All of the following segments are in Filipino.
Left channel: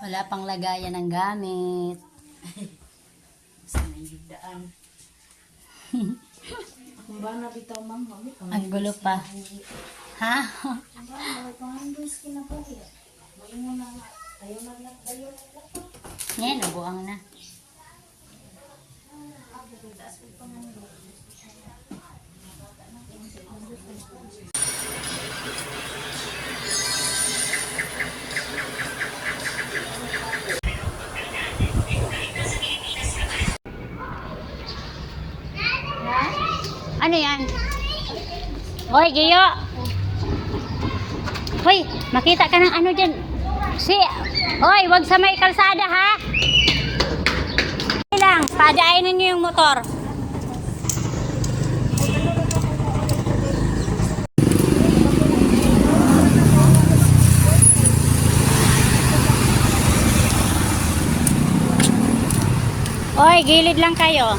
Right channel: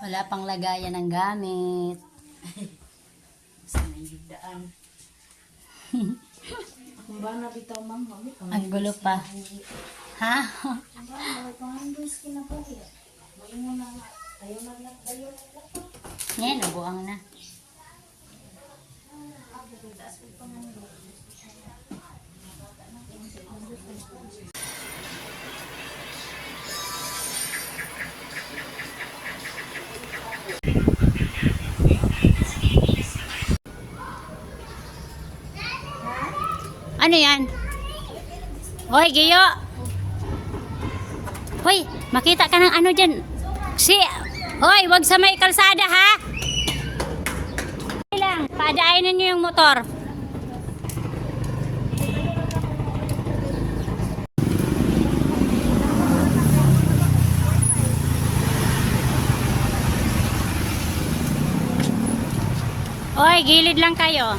Wala pang lagayan ng gamit. Sa nangidaan. Kung ba na bitaw ma'am, mami? Ang gulo pa. Ha? Kung ba, bakit kung hanggang skin na po kaya? May mo na nga. Tayo na lang, tayo na lang. Ngayon, nabuang na. Ano yan? Hoy, Giyo! Hoy, makita ka ng ano dyan. Hoy, wag sa may kalsada, ha? Lang, padaanin niyo yung motor. Hoy, gilid lang kayo.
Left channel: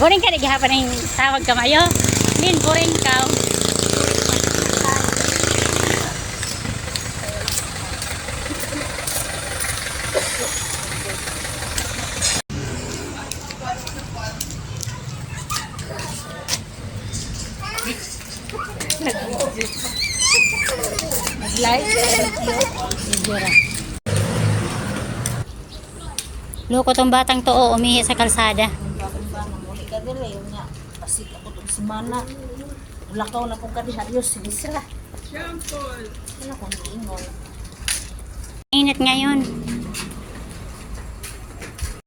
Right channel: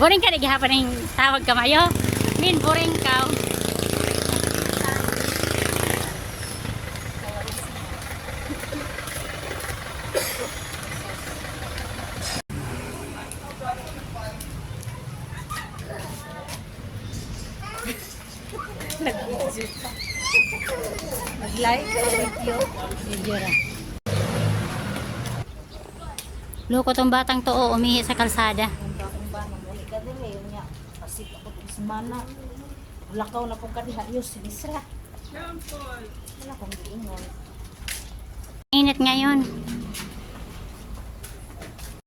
boring ka na gihapon ng tawag ka mayo. Din boring ka. Loko tong batang to, umihi sa kalsada. Kasi kapag semana, lakaw na kong kadiharios, sige sila. Wala kang ingon. Init ngayon.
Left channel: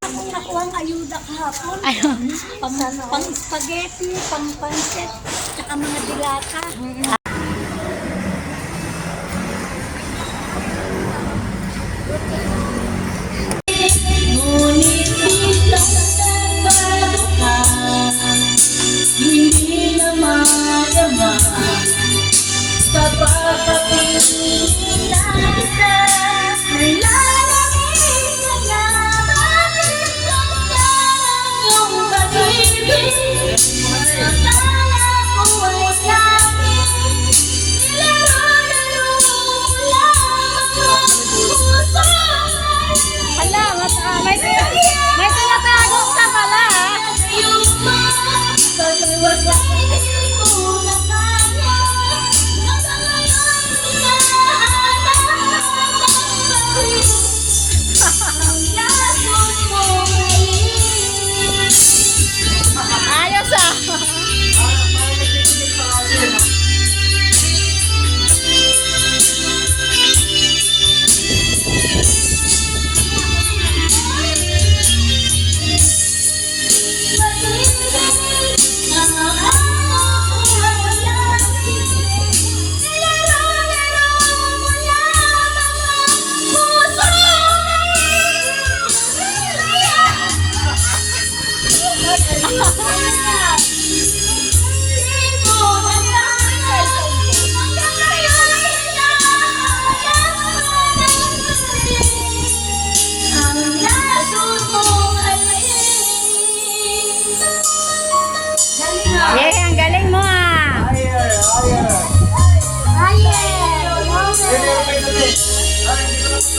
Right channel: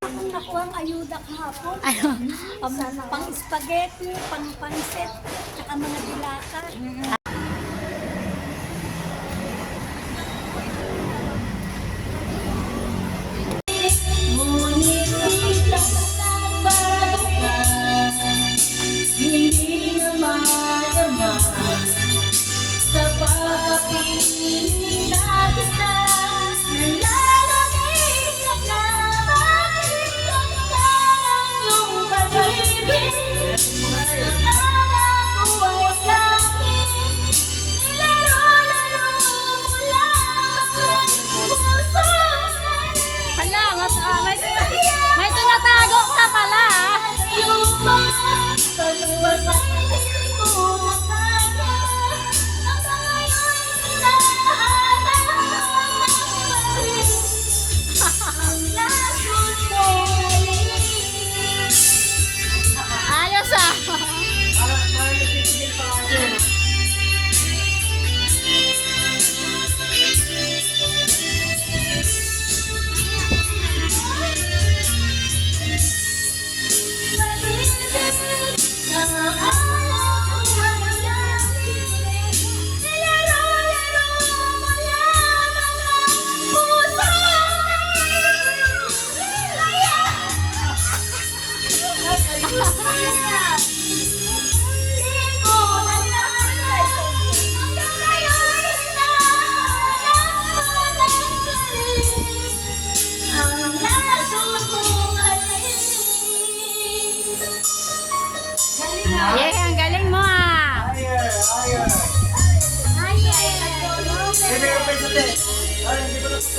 Ang nakuha ang ayuda kahapon. Ano? Pang spaghetti, pang pansit, tsaka mga dilata. Hindi na madama sa pagkapilas nalalamig ka na bakit ang iyong pag-ibig akala ko ay langit nilaro-laro mo lang ang puso hala, may tinatagong ka pala ayos ah. Ang galing mo ah.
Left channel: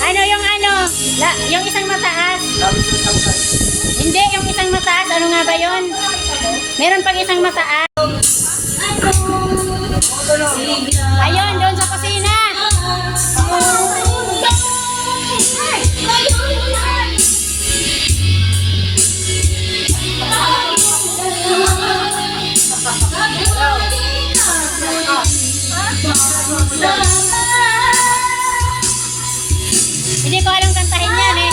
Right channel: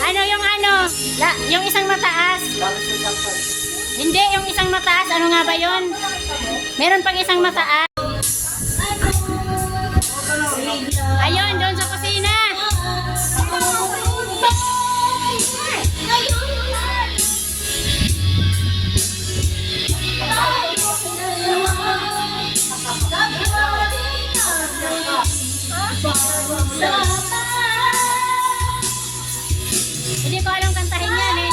Ano yung ano? Yung isang mataas. Hindi, yung isang mataas. Ano nga ba yun? Meron pang isang mataas. Ayun, doon sa kusina. Hindi ko alam kantahin yan eh.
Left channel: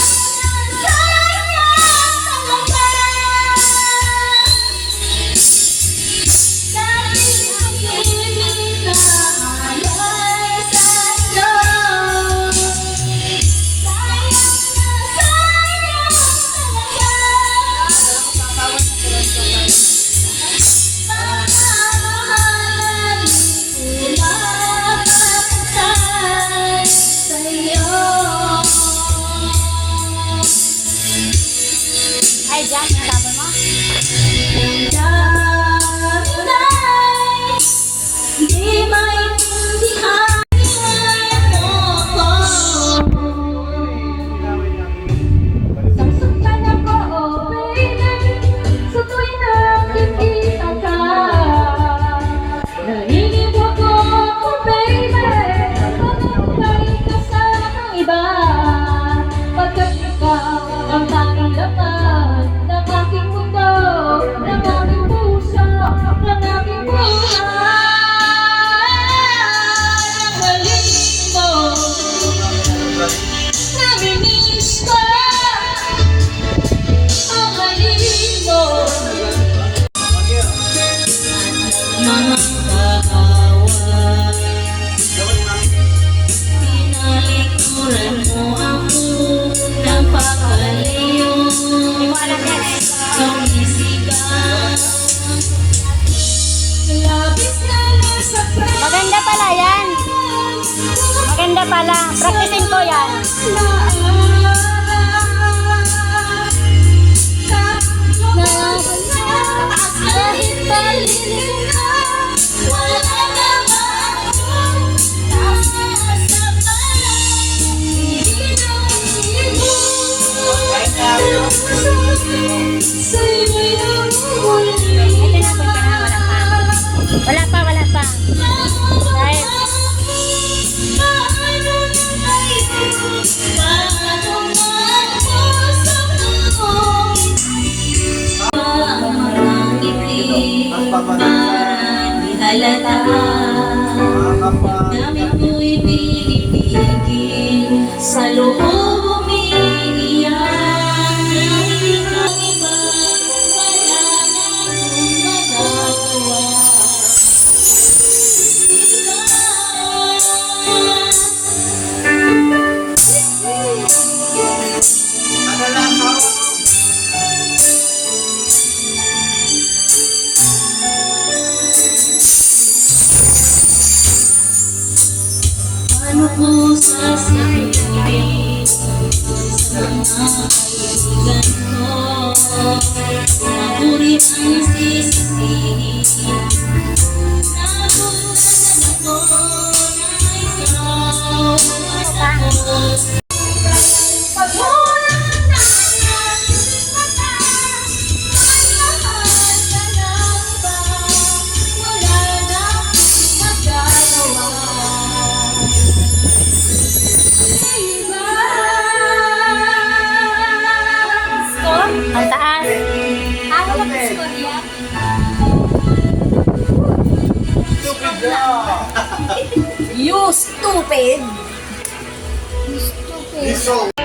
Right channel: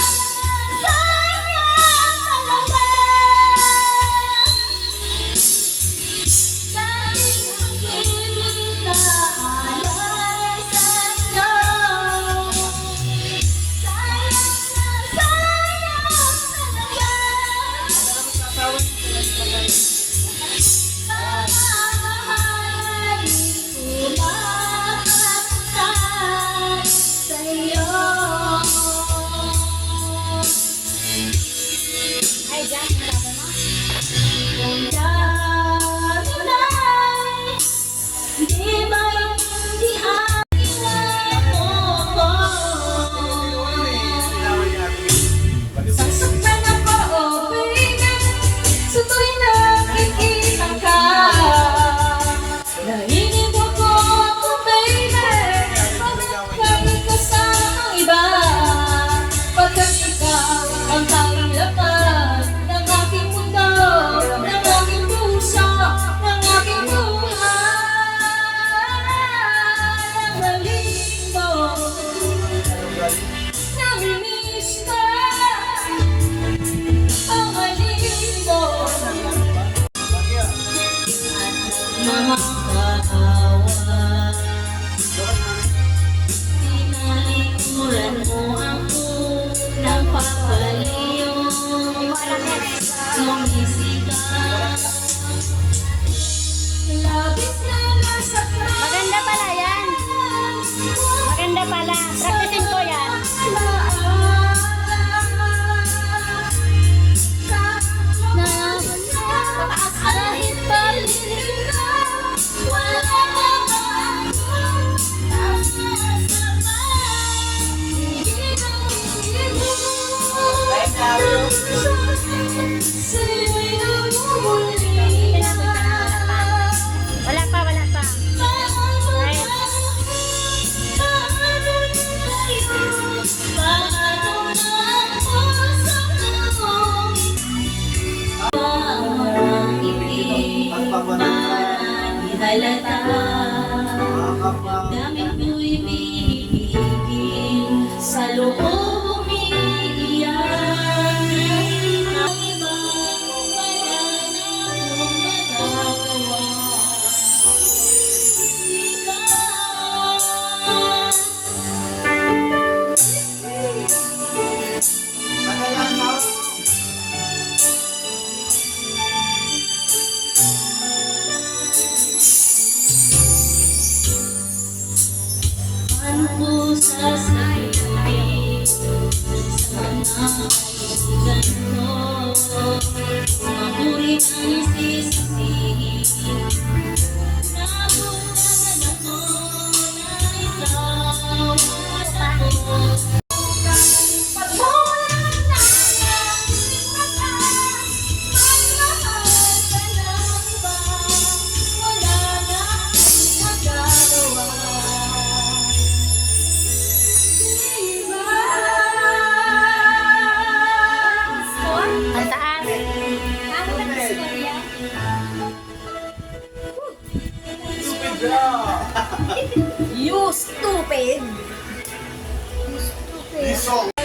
Wala pa, wala pa. Dahil, Halata namin ko'y pinipigil sa loob umiiyak na ikaw iba wala na akong magagawa. Paano ko sasabihin sa mga kaibigan ko kung ako rin ang sisisihin? Nabunan ako na ikaw at ako. Pagmulan tayo mata, ay mahal ka na ba? Wala na magagawa. ang taas. You stupid! Lisol.